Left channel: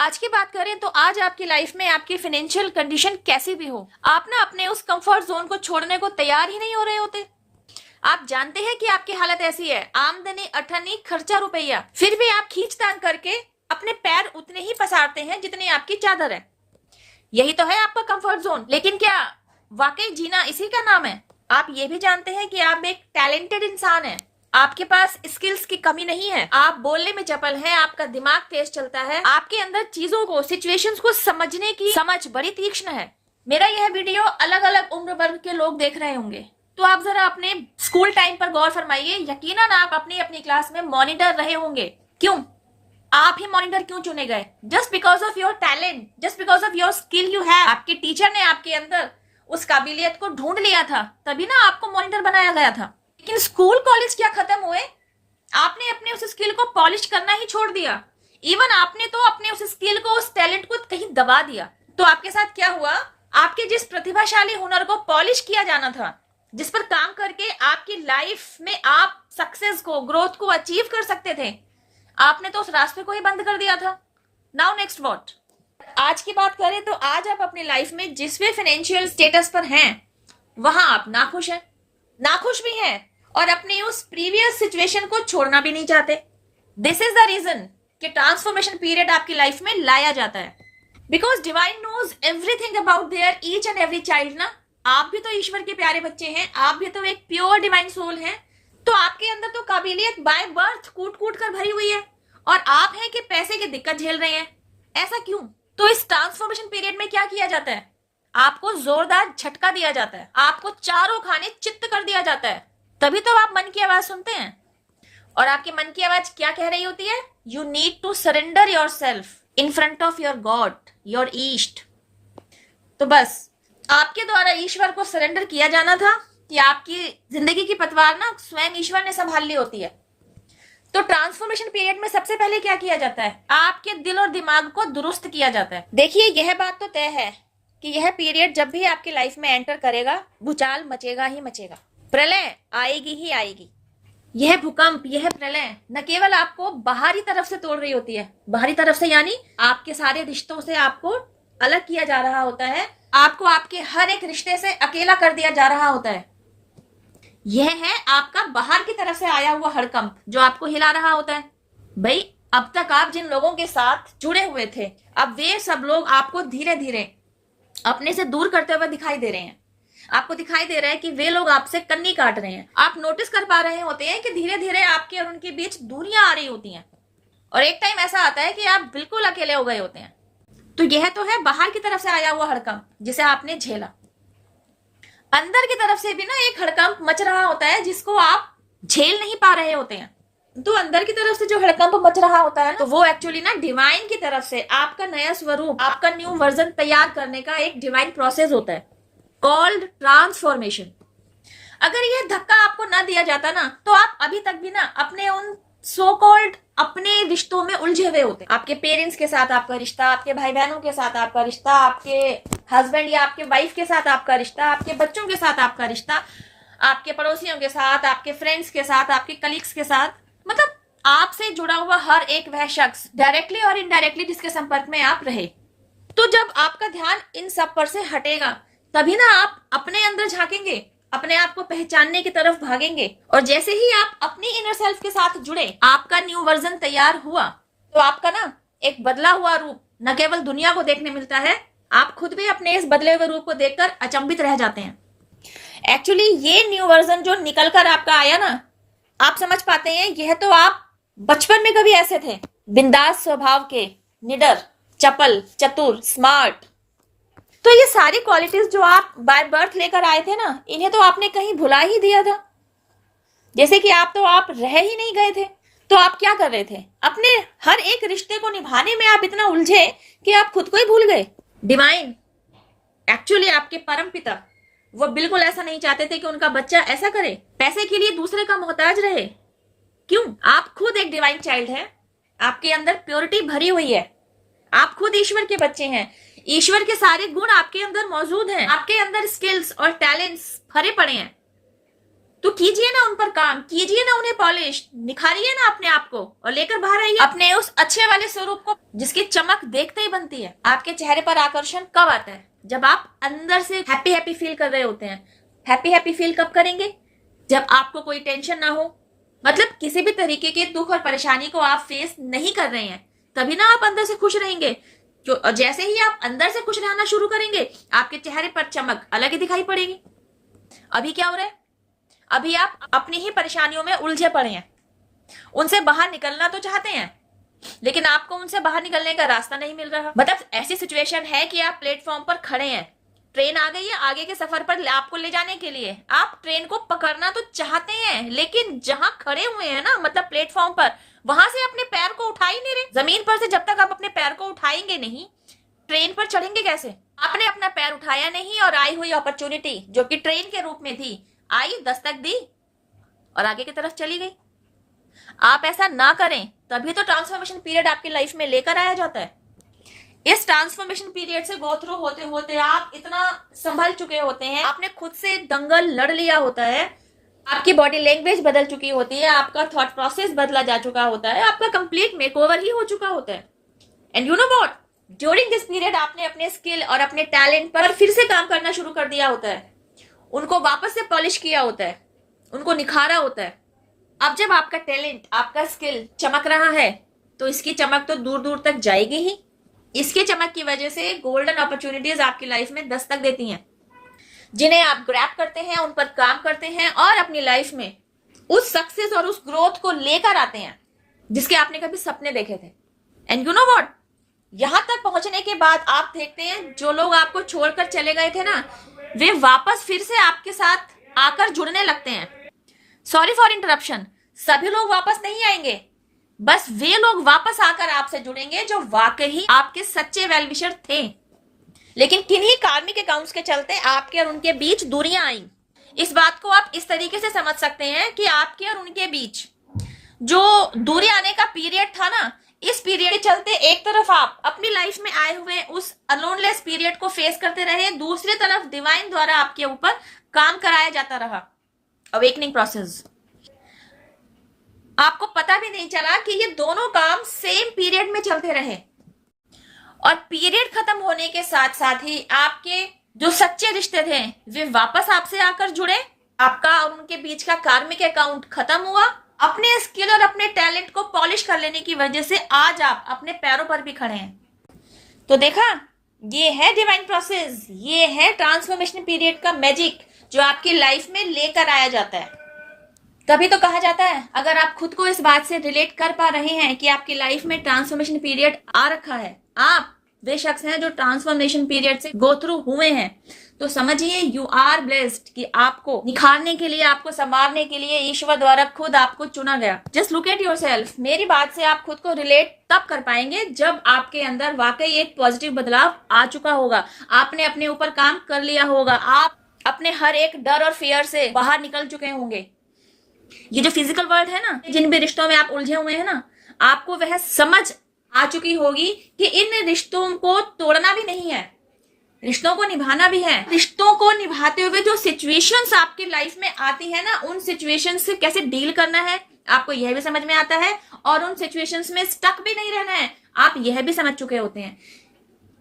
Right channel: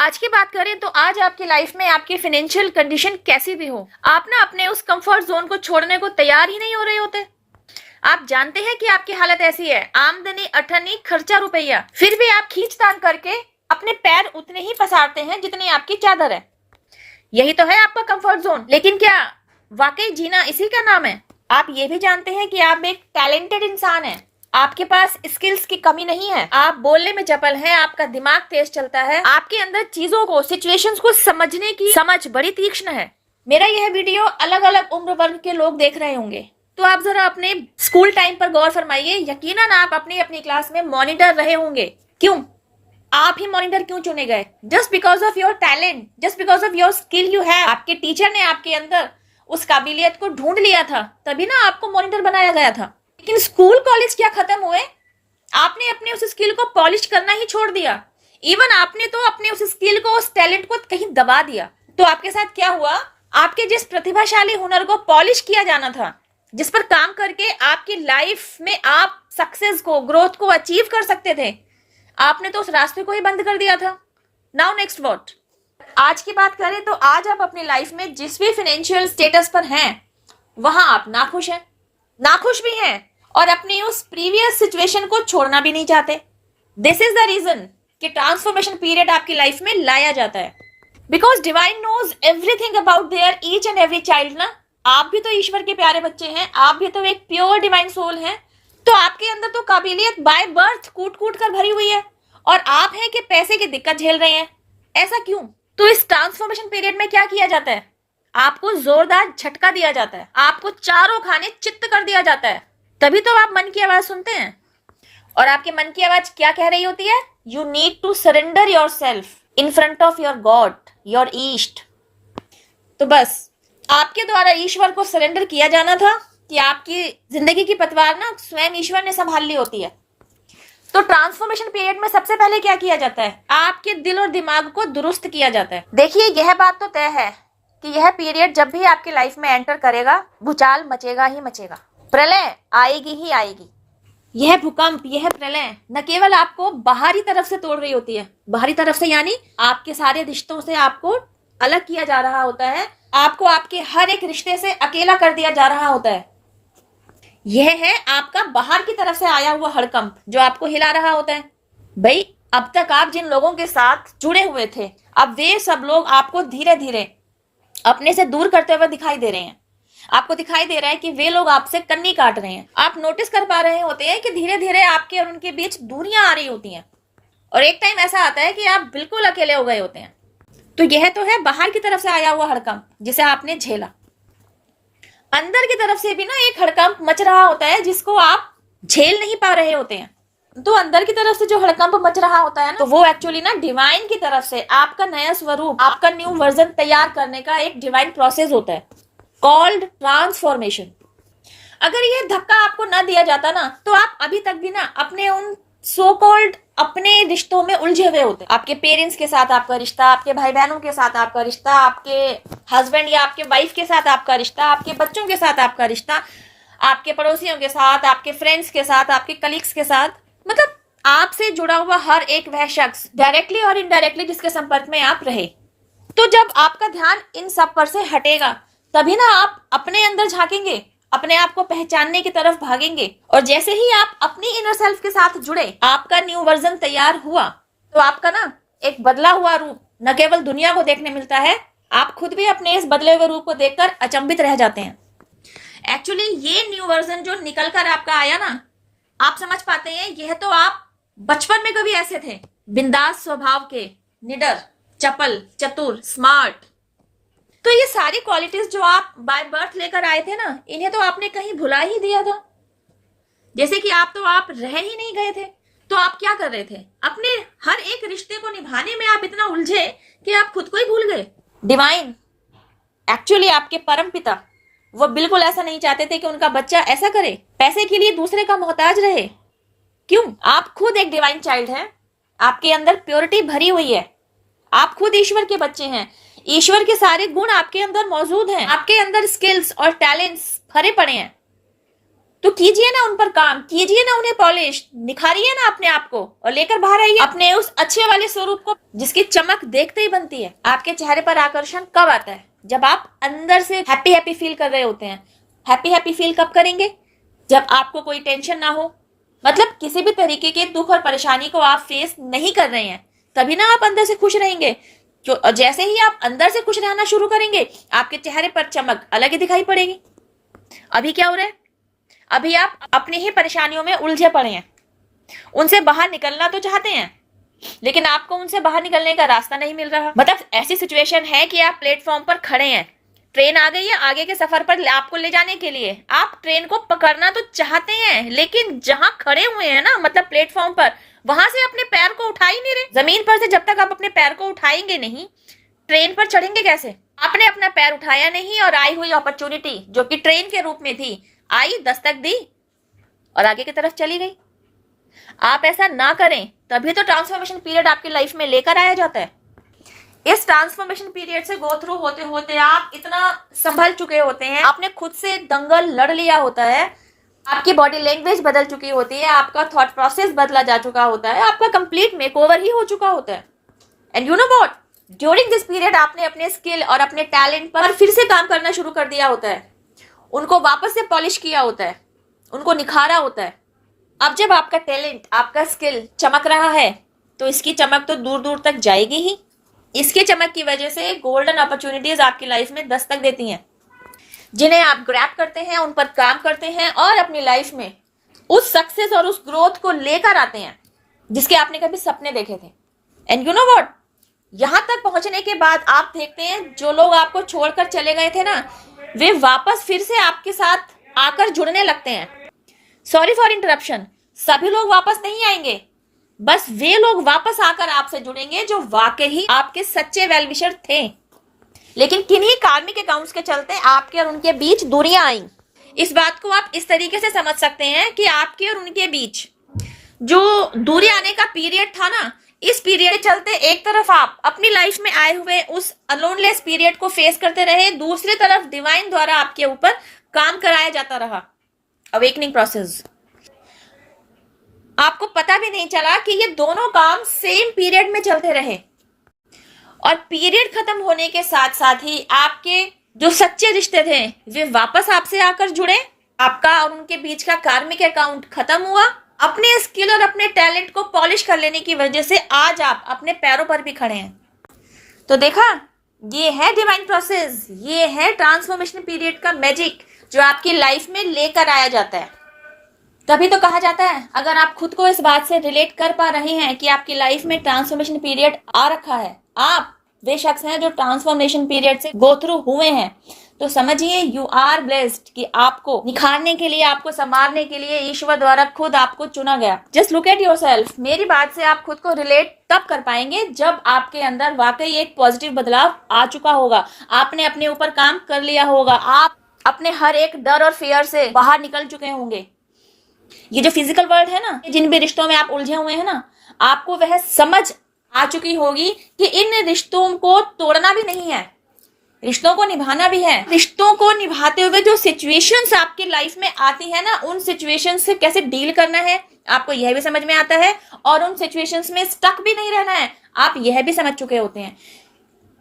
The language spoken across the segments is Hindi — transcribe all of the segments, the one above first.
आज की बात करें तो आज आपकी लाइफ में आपकी फाइनेंशियल कंडीशन कैसी भी हो, आप ना अपने उस कंफर्ट जोन को छोड़ने को तैयार ही नहीं हो रहे होते। आप जानते हैं कि आपकी हालत ऐसी है, आमदनी अठन्नी खर्चा रुपया, फिर भी आप खींचतान करके अपने पैर उतने ही पसारते हैं जितनी आपकी चादर है। यही तो है आपका कंफर्ट जोन। लेकिन क्या वाकई जीना इसी का नाम है? आप ये भी जानते हैं कि आप एक टैलेंटेड इंसान हैं, आपके पास स्किल्स की कमी नहीं है, आप बोलने में चपल हैं, आपका दिमाग तेज चलता है, आपके अंदर चीजों को, सिचुएशंस को समझने की समझ बड़ी तीक्ष्ण है। मेरा यह वीडियो अलग अलग उम्र वर्ग के लोग देख रहे होंगे, तो आप जरा अपने स्कूल टाइम पर गौर फरमाइए। यकीनन आप अपनी अपनी क्लास में मॉनिटर रहे होंगे। क्यों? आप ही मॉनिटर क्यों चुने गए? Just because of your talent, just because of your skill you have. आपके टीचर ने आपके अंदर उस काबिलियत को ढूंढ लिया था, तभी ना आपको मॉनिटर बनाया गया था। लेकिन स्कूल कॉलेज क्या खत्म हुए, आपने अपने उस स्किल को पॉलिश करना ही छोड़ दिया। इवन आपने तो अपने उस स्किल को, उस टैलेंट को कहीं दबा दिया। तो आपके साथ क्या हुआ? आपके जिस प्रतिभाशाली हुनर को पॉलिश किया जाना था, जिस पर काम करके आपकी लाइफ में आप सक्सेस को, ग्रोथ को अचीव कर सकते थे, आपने तो उस रास्ते को ही बंद कर दिया था। Now next what? आज की बात करें तो आज आप अपनी लाइफ में जिस भी फाइनेंशियल स्टेटस पर हैं, वहां आप नाखुश हैं, नाखुश भी हैं, और अपनी उस प्रीवियस सिचुएशन को छोड़ना भी नहीं चाहते। दिस इज द रीजन कि ट्रांसफॉर्मेशन पीरियड आपकी लाइफ में लाया जाता है। Because divine knows everything about their each and every child ना। आप भी तो ईश्वर के प्यारे बच्चे हैं, आप भी तो एक प्योर डिवाइन सोल हैं। तो आपके अंदर तो काबिलियत बाय बर्थ कूट कूट कर भरी हुई है, और आप हैं कि पैसे की दिक्कत झेल रहे हैं। ऐसा क्यों? तो इस ट्रांसफॉर्मेशन पीरियड में क्या किया जाता है? आपको जोरदार झटका दिया जाता है, आपको चारों खाने चित्त कर दिया जाता है। तभी तो आप मन की आवाज सुनते हैं। और आपके मन की आवाज क्या कह रही होती है? You need to surrender yourself in front of your God, your ईस्ट। तो बस आपके द्वारा ईश्वर को सरेंडर किया जाना था कि आपकी जिंदगी की पतवार ना स्वयं ईश्वर ने संभाल ली होती है। तो ट्रांसफॉर्मेशन पीरियड में सबसे पहले क्या किया जाता है? आपके दिल और दिमाग को दुरुस्त किया जाता है। देखिए, यह बात तो तय है कि यह पीरियड जब भी आपकी लाइफ में एंटर करेगा, भूचाल मचेगा ही मचेगा, प्रलय आएगी ही आएगी। यह भूकंप, यह प्रलय न केवल आपको बाहरी तरफ से तोड़ रही होती है, बाहरी तरफ से यानी आपके सारे रिश्तों से आपको अलग किया जा रहा होता है, आपको आपके हर एक रिश्ते से अकेला कर दिया जा रहा होता है। यह है आपका बाहर की तरफ से आया हुआ हड़कंप जो आपको हिला रहा होता है। भाई, अब तक आप जिन लोगों के साथ जुड़े हुए थे, अब वे सब लोग आपको धीरे धीरे अपने से दूर करते हुए दिखाई दे रहे हैं। आपको दिखाई दे रहा है कि वे लोग आपसे कन्नी काट रहे हैं। आप नोटिस कर पा रहे होते हैं कि धीरे धीरे आपके और उनके बीच दूरियां आ रही होती हैं, और एक टाइम ऐसा आता है कि आप बिल्कुल अकेले हो गए होते हैं। तो यह तो है बाहर की तरफ से आया हुआ हड़कंप जिसे आपने झेला। अंदर की तरफ से भी ना एक हड़कंप मच रहा होता है जिसको आप झेल नहीं पा रहे होते हैं। तो अंदर की तरफ से जो हड़कंप मच रहा होता है ना, तो वो एक्चुअली ना डिवाइन की तरफ से आपका नया स्वरूप, आपका न्यू वर्जन तैयार करने का एक डिवाइन प्रोसेस होता है, कॉल्ड ट्रांसफॉर्मेशन। अगर यह धक्का आपको ना दिया जाता ना, तो आप अभी तक भी ना अपने उन सो कॉल्ड अपने रिश्तों में उलझे हुए होते। आपके पेरेंट्स के साथ आपका रिश्ता, आपके भाई बहनों के साथ आपका रिश्ता, आपके हस्बैंड या आपके वाइफ के साथ आपका रिश्ता, आपके बच्चों के साथ आपका रिश्ता, आपके पड़ोसियों के साथ, आपके फ्रेंड्स के साथ, आपके कलीग्स के साथ, मतलब आपसे जुड़ा हुआ हर एक वह शख्स डायरेक्टली और इनडायरेक्टली जिसके संपर्क में आप रहे। तो जब आपका ध्यान इन सब पर से हटेगा, तभी ना आप अपने अंदर झांकेंगे, अपने आप को पहचानने की तरफ भागेंगे। और जैसे ही आप अपनी इनर सेल्फ के साथ जुड़े, आपका न्यू वर्जन तैयार हुआ, तो आपका ना एक बदला हुआ रूप न केवल दुनिया को देखने मिलता है, आप खुद भी अपने इस बदले हुए रूप को देखकर अचंभित रह जाते हैं। एक्चुअली ये न्यू वर्जन जो निकल कर आपका आया ना, आप समझ पाते हैं यह तो आप बचपन में कभी ऐसे थे, बिंदास स्वभाव के, निडर, चपल, चतुर, स्मार्ट। तो ये सारी क्वालिटीज जो आप बाय बर्थ लेकर आए थे ना, इन्हें तो आपने कहीं भुला ही दिया था। जैसे कि आप रह ही नहीं गए थे। तो आप क्या कर रहे थे? अपने हर एक रिश्ते को निभाने में आप इतना उलझे कि आप खुद को ही भूल गए। डिवाइन, एक्चुअली आपके परम पिता, वो बिल्कुल ऐसा नहीं चाहते थे कि उनका बच्चा ऐसा करे, पैसे के लिए दूसरे का मोहताज रहे। क्यों? आप खुद एक डिवाइन चाइल्ड हैं, आपके अंदर प्योरिटी भरी हुई है, आप खुद ईश्वर के बच्चे हैं, ईश्वर के सारे गुण आपके अंदर मौजूद हैं, आपके अंदर स्किल्स और टैलेंट्स भरे पड़े हैं। तो कीजिए ना उन पर काम, कीजिए ना उन्हें पॉलिश, निखारिए ना अपने आप को और लेकर बाहर आइए अपने उस अच्छे वाले स्वरूप को जिसकी चमक देखते ही बनती है। आपके चेहरे पर आकर्षण कब आता है? जब आप अंदर से हैप्पी हैप्पी फील कर रहे होते हैं। हैप्पी हैप्पी फील कब करेंगे? जब आपको कोई टेंशन ना हो, मतलब किसी भी तरीके के दुख और परेशानी को आप फेस नहीं कर रहे हैं, तभी ना आप अंदर से खुश रहेंगे। क्यों? जैसे ही आप अंदर से खुश रहना शुरू करेंगे, आपके चेहरे पर चमक अलग ही दिखाई पड़ेगी। अभी क्या हो रहा है? अभी आप अपनी ही परेशानियों में उलझे पड़े हैं, उनसे बाहर निकलना तो चाहते हैं, लेकिन आपको उनसे बाहर निकलने का रास्ता नहीं मिल रहा। मतलब ऐसी सिचुएशन है कि आप प्लेटफॉर्म पर खड़े हैं, ट्रेन आ गई है आगे के सफर पर आपको ले जाने के लिए, आप ट्रेन को पकड़ना तो चाहते हैं, लेकिन जहां खड़े हुए हैं ना, मतलब प्लेटफॉर्म पर, वहां से अपने पैर को उठा ही नहीं रहे। जमीन पर से जब तक आप अपने पैर को उठाएंगे नहीं, ट्रेन पर चढ़ेंगे कैसे? आपने अपना पैर उठाया नहीं और आई हुई अपॉर्चुनिटी जो कि ट्रेन के रूप में थी, आई, दस्तक दी और आगे की तरफ चली गई। आप ऐसा ना करें, तभी तो ट्रांसफॉर्मेशन पीरियड आपकी लाइफ में लेकर आया जाता है। इस ट्रांसफॉर्मेशन पीरियड से गो थ्रू होते होते आप इतना संभल चुके होते हैं, आपने खुद से दंगल लड़ लिया होता है, आपकी बॉडी लैंग्वेज बदल चुकी होती है, आपका थॉट प्रोसेस बदला जा चुका होता है, आपका कंप्लीट मेकओवर ही हो चुका होता है। And you know what, during this period आपने अपने स्किल और अपने टैलेंट पर फिर से काम करना शुरू कर दिया होता है, उनको वापस से पॉलिश किया होता है, उनको निखारा होता है। अब जब आपका टैलेंट, आपका स्किल चमक रहा है, तो इसकी चमक तो दूर दूर तक जाएगी ही। इसकी चमक की वजह से गोल्डन अपॉर्चुनिटीज आपकी लाइफ में दस्तक देती हैं, जिन्हें आप ग्रैब करते हैं, उन पर काम करते हैं और अपनी लाइफ में उस सक्सेस और उस ग्रोथ को लेकर आते हैं जिसके आपने कभी सपने देखे थे। एंड यू नो व्हाट, यहां तक पहुंचने के बाद आप देखते हैं जो लोग आपको छोड़कर चले गए थे ना, वे वापस फिर से आपके साथ आकर जुड़ने लगते हैं। सॉरी फॉर इंटरप्शन, सभी लोग वापस नहीं आएंगे, बस वे लोग वापस आकर आपसे जुड़ेंगे जो वाकई आपके सच्चे वेलविशर थे। लेकिन किन्हीं कार्मिक अकाउंट्स के चलते आपके और उनके बीच दूरियां आई। इस बात को आप इस तरीके से समझ सकते हैं कि आपके और उनके बीच जो दूरी आने का पीरियड था ना, इस पीरियड के चलते एक तरफ आप अपनी लाइफ में आए हुए उस अलोनलेस पीरियड को फेस करते रहे, दूसरी तरफ डिवाइन द्वारा आपके ऊपर काम कराया जाता रहा, अवेकनिंग प्रोसेस। आपको पता भी नहीं चला कि ये दोनों काम सेम पीरियड में चलते रहे, और पीरियड खत्म होने के साथ साथ ही आपके जो सच्चे रिश्ते थे वे वापस आपसे आकर जुड़े। आपका और उनके बीच का कार्मिक अकाउंट खत्म हुआ। अपने स्किल और अपने टैलेंट को पॉलिश कर लेने की वजह से आज आप अपने पैरों पर भी खड़े हैं। तो देखा, ये है डिवाइन प्रोसेस, ये है ट्रांसफॉर्मेशन पीरियड का मैजिक जो आपकी लाइफ में लेकर आया जाता है। तभी तो कहा जाता है, अगर आप खुद को इस बात से रिलेट कर पा रहे हैं कि आपकी लाइफ में ट्रांसफॉर्मेशन पीरियड आ रखा है, आप वे शख्स हैं जो ट्रांसफॉर्मेशन पीरियड से गो थ्रू हुए हैं, तो समझिए यू आर ब्लेस्ड कि आपको निखारने के लिए, आपको संवारने के लिए ईश्वर द्वारा खुद आपको चुना गया। Just look at yourself. मेरी बात से आप खुद को रिलेट तब कर पाएंगे जब आपके अंदर वाकई एक पॉजिटिव बदलाव आ चुका होगा, आपने अपने ऊपर काम कर लिया होगा, आप अपने हर एक डर और फियर से बाहर निकल चुके होंगे। ये जो फिजिकल वर्ल्ड है ना, जिन भी रिश्तों में आप उलझे हुए हैं ना, आपको वह समझ आ चुकी होगी कि इन रिश्तों को तोड़ना भी नहीं है, रिश्तों को निभाना भी है। रिश्तों को निभाते हुए जो सिचुएशंस आपकी लाइफ में आती है ना, उन सिचुएशंस से कैसे डील करना है आपको यह भी समझ में आता है, और उन सिचुएशंस में स्टक भी नहीं रहना है, आप यह भी समझ चुके होते हैं।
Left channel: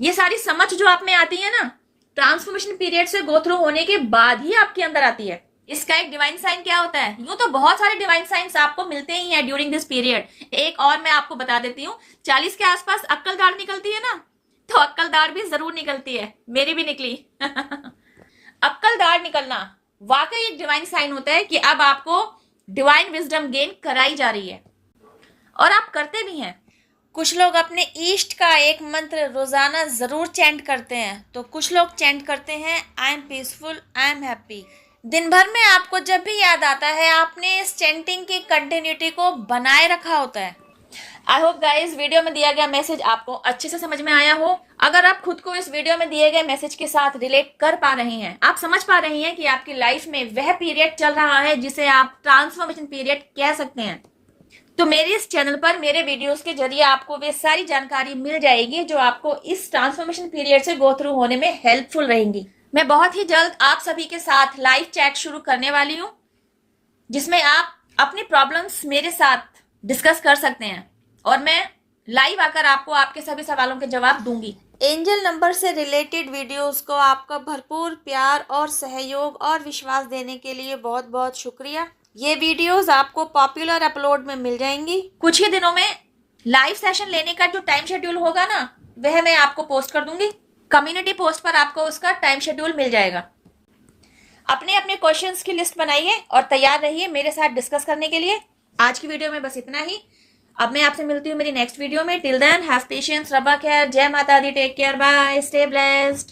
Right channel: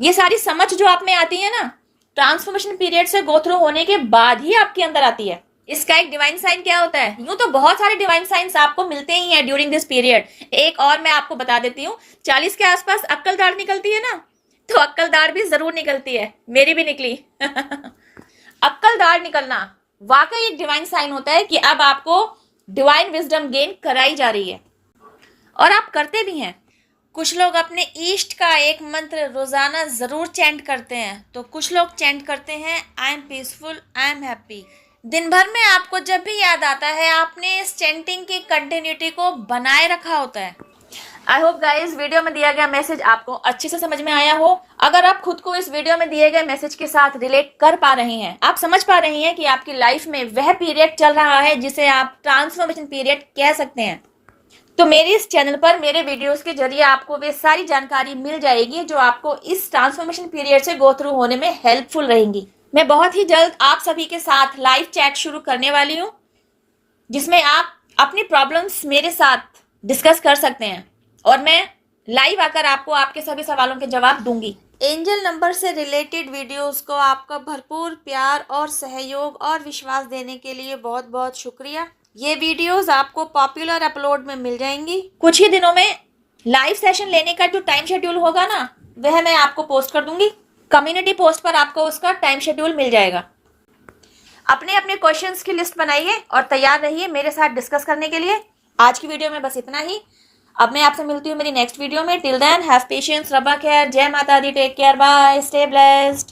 ये सारी समझ जो आप में आती है ना, ट्रांसफॉर्मेशन पीरियड से गो थ्रू होने के बाद ही आपके अंदर आती है। इसका एक डिवाइन साइन क्या होता है? यूं तो बहुत सारे डिवाइन साइंस आपको मिलते ही हैं ड्यूरिंग दिस पीरियड। एक और मैं आपको बता देती हूँ, 40 के आसपास अक्कल दाढ़ निकलती है ना, तो अक्कल दाढ़ भी जरूर निकलती है, मेरी भी निकली। अक्कल दाढ़ निकलना वाकई एक डिवाइन साइन होता है कि अब आपको डिवाइन विजडम गेन कराई जा रही है, और आप करते भी हैं। कुछ लोग अपने ईष्ट का एक मंत्र रोजाना जरूर चैंट करते हैं, तो कुछ लोग चैंट करते हैं I am peaceful, I am happy. दिन भर में आपको जब भी याद आता है, आपने इस चैंटिंग की कंटिन्यूटी को बनाए रखा होता है। आई होप गाइस वीडियो में दिया गया मैसेज आपको अच्छे से समझ में आया हो। अगर आप खुद को इस वीडियो में दिए गए मैसेज के साथ रिलेट कर पा रहे हैं, आप समझ पा रहे हैं कि आपकी लाइफ में वह पीरियड चल रहा है जिसे आप ट्रांसफॉर्मेशन पीरियड कह सकते हैं, तो मेरे इस चैनल पर मेरे वीडियोस के जरिए आपको वे सारी जानकारी मिल जाएगी जो आपको इस ट्रांसफॉर्मेशन पीरियड से गो थ्रू होने में हेल्पफुल रहेंगी। मैं बहुत ही जल्द आप सभी के साथ लाइव चैट शुरू करने वाली हूँ। जिसमें आप अपनी प्रॉब्लम्स मेरे साथ डिस्कस कर सकते हैं और मैं लाइव आकर आपको आपके सभी सवालों के जवाब दूंगी। एंजल नंबर से रिलेटेड वीडियोस को आपका भरपूर प्यार और सहयोग और विश्वास देने के लिए बहुत बहुत शुक्रिया। ये वीडियोस आपको पॉपुलर अपलोड में मिल जाएंगी। कुछ ही दिनों में लाइव सेशन लेने का जो टाइम शेड्यूल होगा ना, वह मैं आपको पोस्ट कर दूंगी। कम्युनिटी पोस्ट पर आपको उसका टाइम शेड्यूल मिल जाएगा। अपने अपने क्वेश्चंस की लिस्ट बनाइए और तैयार रहिए मेरे साथ डिस्कस करने के लिए। आज की वीडियो में बस इतना ही। अब मैं आपसे मिलती हूँ मेरी नेक्स्ट वीडियो में। टिल देन हैव पेशेंस, रब केयर, जय माता दी, take care, bye, stay blessed.